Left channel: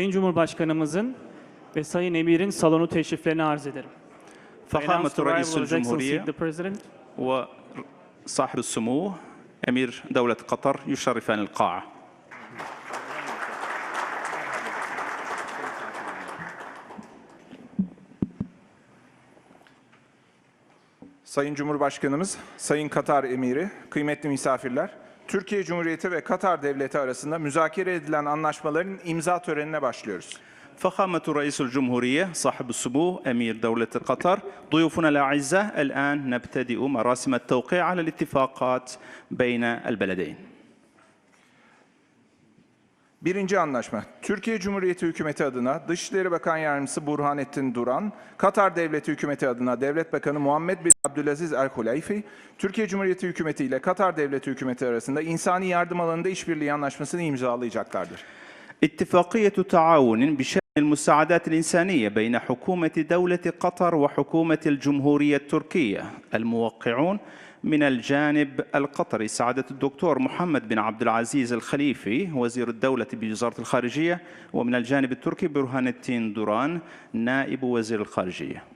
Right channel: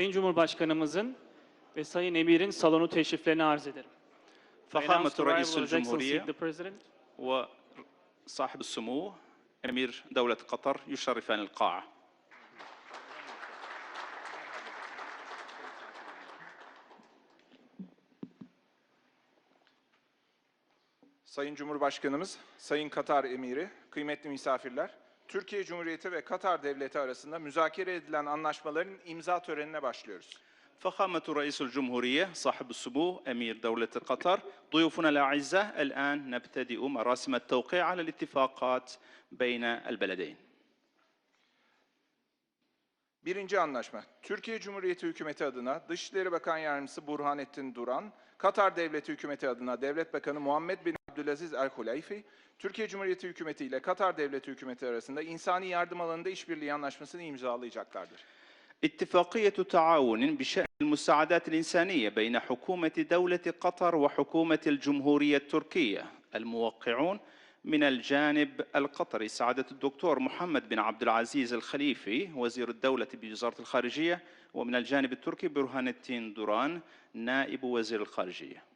Sayın Cumhurbaşkanımızın ve Sayın Emir'in salonu teşriflerini arz ederim. I announce فخامة the arrival رئيس of His Excellency الجمهورية the President وصاحب السمو أمير دولة قطر يشرفان القاعة Sayın Cumhurbaşkanımız, Sayın Katar Emiri, kıymetli misafirler, Türkiye Cumhuriyeti ve Katar Devleti arasında müzakere edilen anlaşmaların imza törenine başlıyoruz. فخامة رئيس الجمهورية صاحب السمو أمير دولة قطر ضيوفنا الأعزاء الآن نبتدئ مراسم التوقيع على الاتفاقات بين البلدين Birinci anlaşma, Türkiye Cumhuriyeti Hükümeti adına Dışişleri Bakan Yardımcısı Burhanettin Duran, Katar Devleti Hükümeti adına Devlet Bakanı Muhammed bin Abdülaziz El Huleyfi, Türkiye Cumhuriyeti Hükümeti ile Katar Devleti Hükümeti arasında insani yardım alanında işbirliği anlaşmasını imzalayacaklardır. اتفاقية تعاون بشأن المساعدات الإنسانية بين حكومة دولة قطر وحكومة الجمهورية التركية الموقعون من الجانب القطري. سعادة الدكتور محمد بن عبد العزيز الخليفي وزير الدولة بوزارة الخارجية ومن الجانب التركي برهان الدين دوران نائب وزير الخارجية.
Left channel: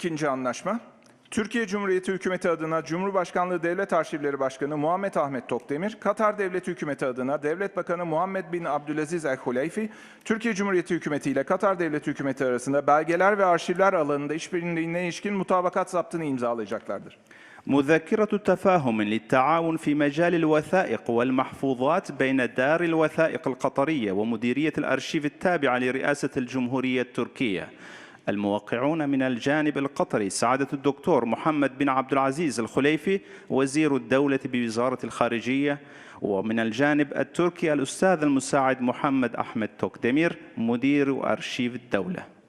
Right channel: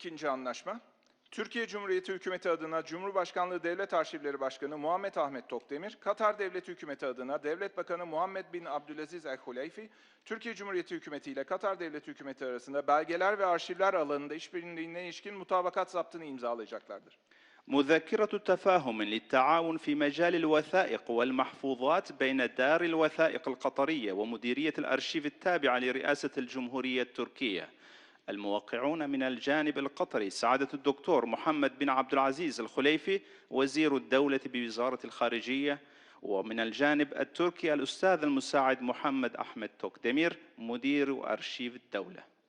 İkinci anlaşma. Türkiye Cumhuriyeti Hükümeti adına Cumhurbaşkanlığı Devlet Arşivleri Başkanı Muhammed Ahmet Tokdemir, Katar Devleti Hükümeti adına Devlet Bakanı Muhammed bin Abdülaziz El Huleyfi, Türkiye Cumhuriyeti Hükümeti ile Katar Devleti Hükümeti arasında belgeler ve arşivler alanında işbirliğine ilişkin mutabakat zaptını imzalayacaklardır. مذكرة تفاهم للتعاون في مجال الوثائق والمحفوظات بين دار الوثائق القطرية ومديرية الأرشيف التابعة لرئاسة الجمهورية التركية الموقعون من الجانب القطري سعادة الدكتور محمد بن عبد العزيز الخليفي وزير الدولة بوزارة الخارجية ومن الجانب التركي الأستاذ المساعد محمد أحمد توكدمير مدير أرشيف الدولة.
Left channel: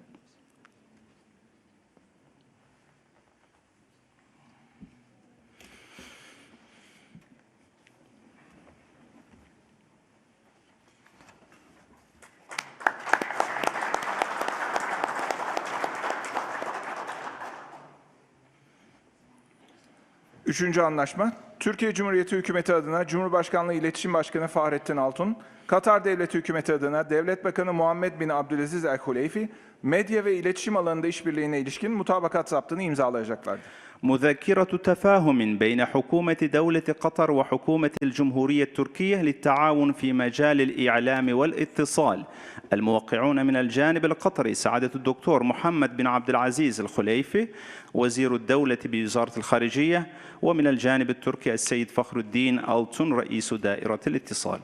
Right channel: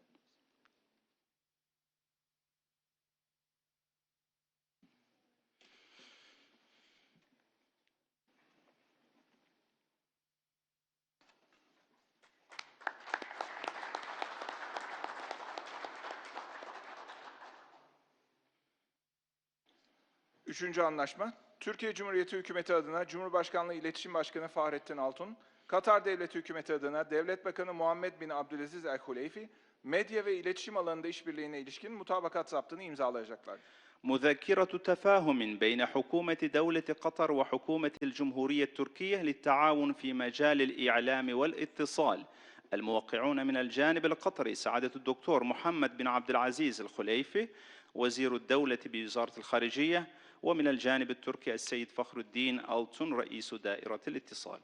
Üçüncü anlaşma, Türkiye Cumhuriyeti Hükümeti adına Cumhurbaşkanlığı İletişim Başkanı Fahrettin Altun, Katar Devleti Hükümeti adına Devlet Bakanı Muhammed bin Abdülaziz El Huleyfi, medya ve iletişim alanında işbirliğine ilişkin mutabakat zaptını imzalayacaklardır. مذكرة تفاهم بين حكومة دولة قطر وحكومة الجمهورية التركية للتعاون في مجال الإعلام والاتصال. الموقعون من الجانب القطري سعادة الدكتور محمد بن عبد العزيز الخليفي وزير الدولة بوزارة الخارجية ومن الجانب التركي السيد فخر الدين ألتون رئيس دائرة الاتصال.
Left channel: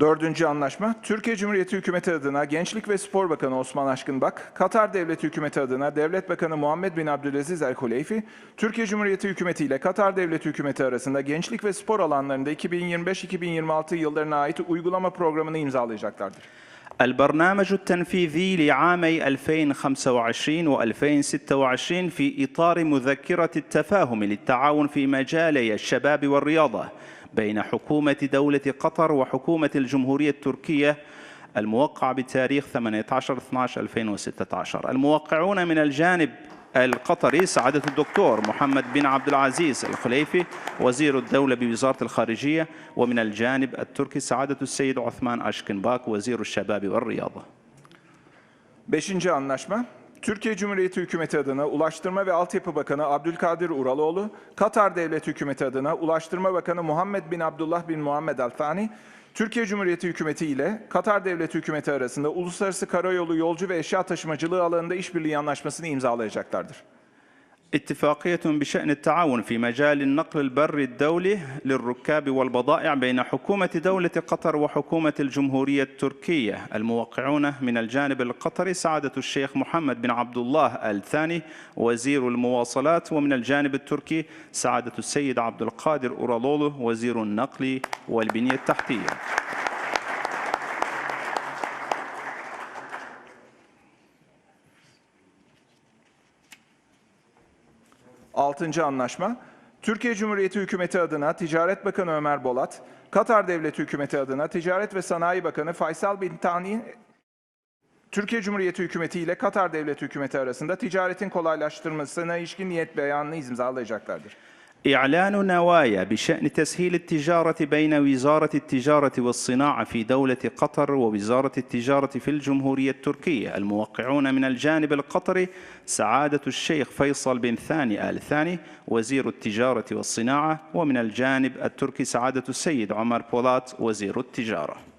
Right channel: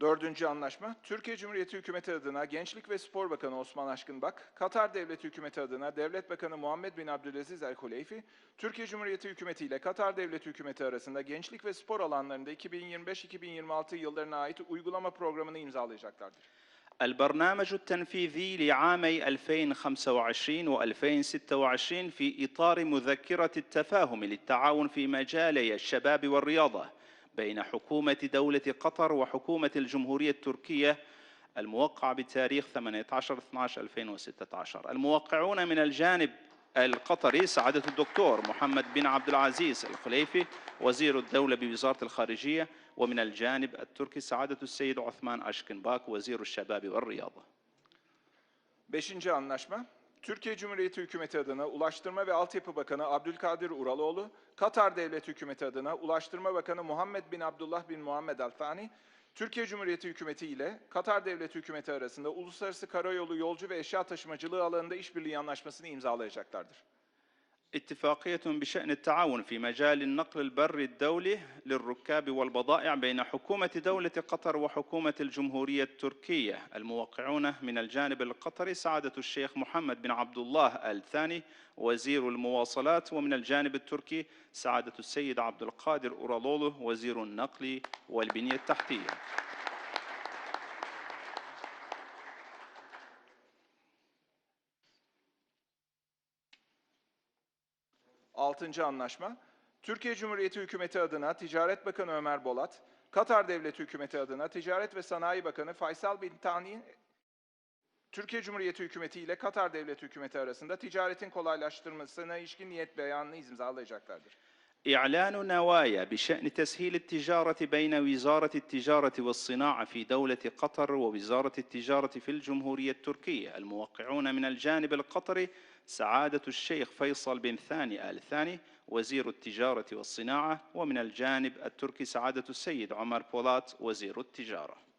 Dördüncü anlaşma, Türkiye Cumhuriyeti Hükümeti adına Gençlik ve Spor Bakanı Osman Aşkınbak, Katar Devleti Hükümeti adına Devlet Bakanı Muhammed bin Abdülaziz El Huleyfi, Türkiye Cumhuriyeti Hükümeti ile Katar Devleti Hükümeti arasında gençlik ve spor alanlarında 2025-2026 yıllarına ait uygulama programını imzalayacaklardır. البرنامج التنفيذي لعامي 2025 و2026 في إطار مذكرة التفاهم للتعاون في مجالي الشباب والرياضة بين حكومة دولة قطر وحكومة الجمهورية التركية الموقع بتاريخ 18/12/2016 الموقعون من الجانب القطري سعادة الدكتور محمد بن عبد العزيز الخليفي وزير الدولة بوزارة الخارجية ومن الجانب التركي سعادة السيد عثمان أشكنباك وزير الشباب والرياضة. Beşinci anlaşma, Türkiye Cumhuriyeti Hükümeti adına Ulaştırma ve Altyapı Bakanı Abdülkadir Uraloğlu, Katar Devleti Hükümeti adına Ulaştırma Bakanı Muhammed bin Abdullah bin Muhammed Al Thani, Türkiye Cumhuriyeti Hükümeti ile Katar Devleti Hükümeti arasında uluslararası karayolu yolcu ve eşya taşımacılığı alanında işbirliği anlaşmasını imzalayacaklardır. اتفاقية بشأن التعاون في مجال النقل البري الدولي للركاب والبضائع بين حكومة دولة قطر وحكومة الجمهورية التركية. الموقعون من الجانب القطري سعادة الشيخ محمد بن عبد الله الثاني وزير المواصلات ومن الجانب التركي سعادة السيد عبد القادر أورالولو وزير النقل والبنية التحتية. Altıncı anlaşma, Türkiye Cumhuriyeti Hükümeti adına Ticaret Bakanı Ömer Bolat, Katar Devleti Hükümeti adına Ticaret ve Sanayi Bakanı Faysal Bin Tani, Türkiye Cumhuriyeti Hükümeti ile Katar Devleti Hükümeti arasında ticaretin kolaylaştırmasına ilişkin niyet beyanını imzalayacaklardır. إعلان نوايا بشأن تسهيل التجارة بين وزارة التجارة والصناعة في دولة قطر ووزارة التجارة في الجمهورية التركية. الموقعون من الجانب القطري سعادة الشيخ فيصل بن ثاني آل ثاني وزير التجارة والصناعة ومن الجانب التركي سعادة السيد عمر بولات وزير التجارة.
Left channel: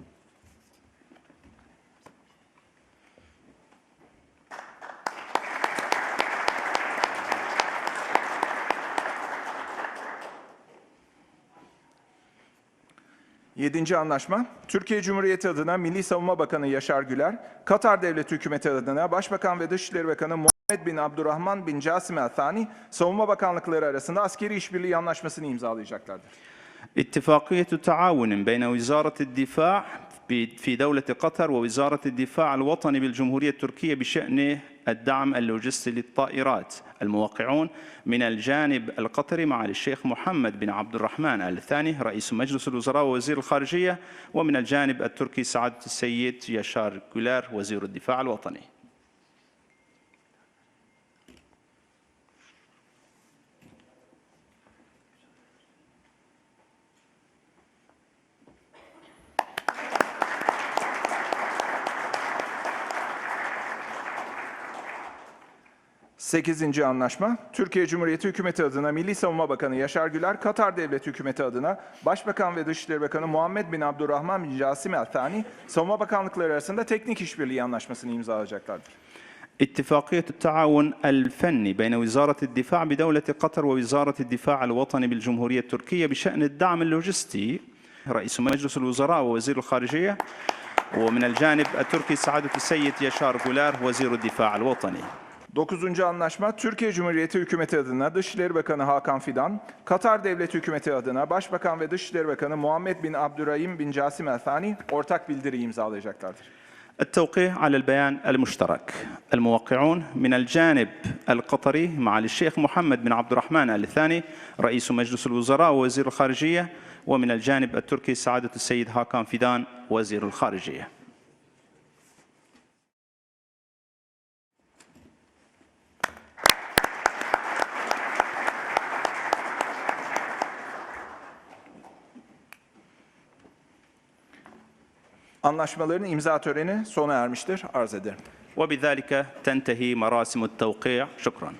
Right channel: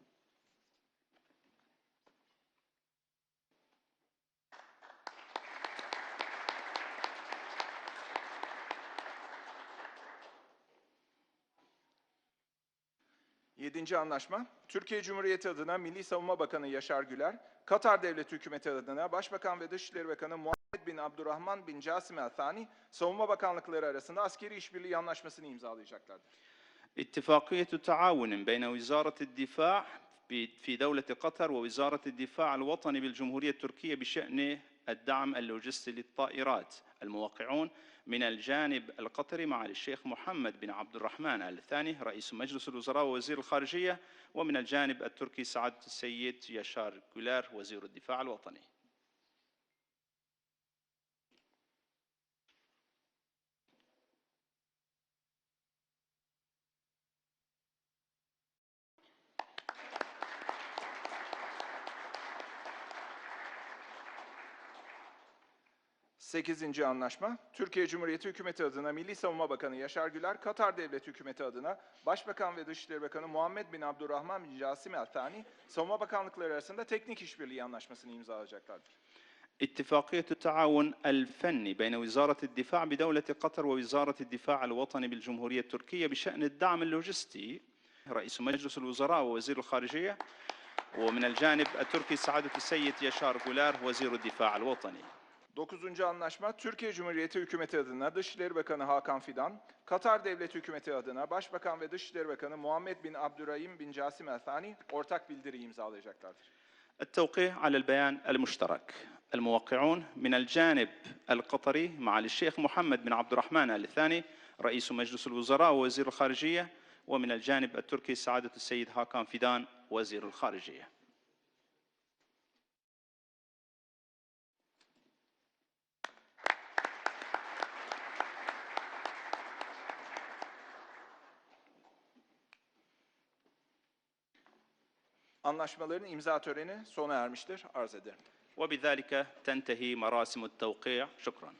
Yedinci anlaşma, Türkiye Cumhuriyeti adına Milli Savunma Bakanı Yaşar Güler, Katar Devleti Hükümeti adına Başbakan ve Dışişleri Bakanı Muhammed bin Abdurrahman bin Casim El Thani, Savunma Bakanlıkları arasında askeri işbirliği anlaşmasını imzalayacaklardır. اتفاقية تعاون بين وزارة الدفاع ب- في دولة قطر ووزارة الدفاع الوطني بالجمهورية التركية بشأن الدعم اللوجستي للطائرات. الموقعون من الجانب القطري معالي الشيخ محمد بن عبد الرحمن آل الثاني رئيس مجلس الوزراء ووزير الخارجية ومن الجانب التركي سعادة السيد يشار جولار وزير الدفاع الوطني. Sekizinci anlaşma, Türkiye Cumhuriyeti Hükümeti adına Milli Savunma Bakanı Yaşar Güler, Katar Devleti Hükümeti adına Başbakan ve Dışişleri Bakanı Muhammed bin Abdurrahman bin Casim El Thani, Savunma Bakanlıkları arasında teknik işbirliği anlaşmasını imzalayacaklardır. اتفاقية التعاون الفني بين وزارة الدفاع بدولة قطر ووزارة الدفاع الوطني بالجمهورية التركية بشأن الدعم اللوجستي رئيس مجلس الوزراء ووزير الخارجية ومن الجانب التركي سعادة السيد يشار جولار وزير الدفاع الوطني Dokuzuncu anlaşma, Türkiye Cumhuriyeti Hükümeti adına Dışişleri Bakanı Hakan Fidan, Katar Devleti Hükümeti adına Başbakan ve Dışişleri Bakanı Muhammed bin Abdurrahim bin Casim El Thani ortak bildiri imzalayacaklardır. التوقيع على البيان المشترك الموقعون من الجانب القطري معالي الشيخ محمد بن عبد الرحمن آل الثاني رئيس مجلس الوزراء ووزير الخارجية ومن الجانب التركي سعادة السيد هاكان فيدان وزير الخارجية Anlaşmaların imza töreni sona ermiştir. Arz ederim. وبذلك تنتهي مراسم التوقيع شكرا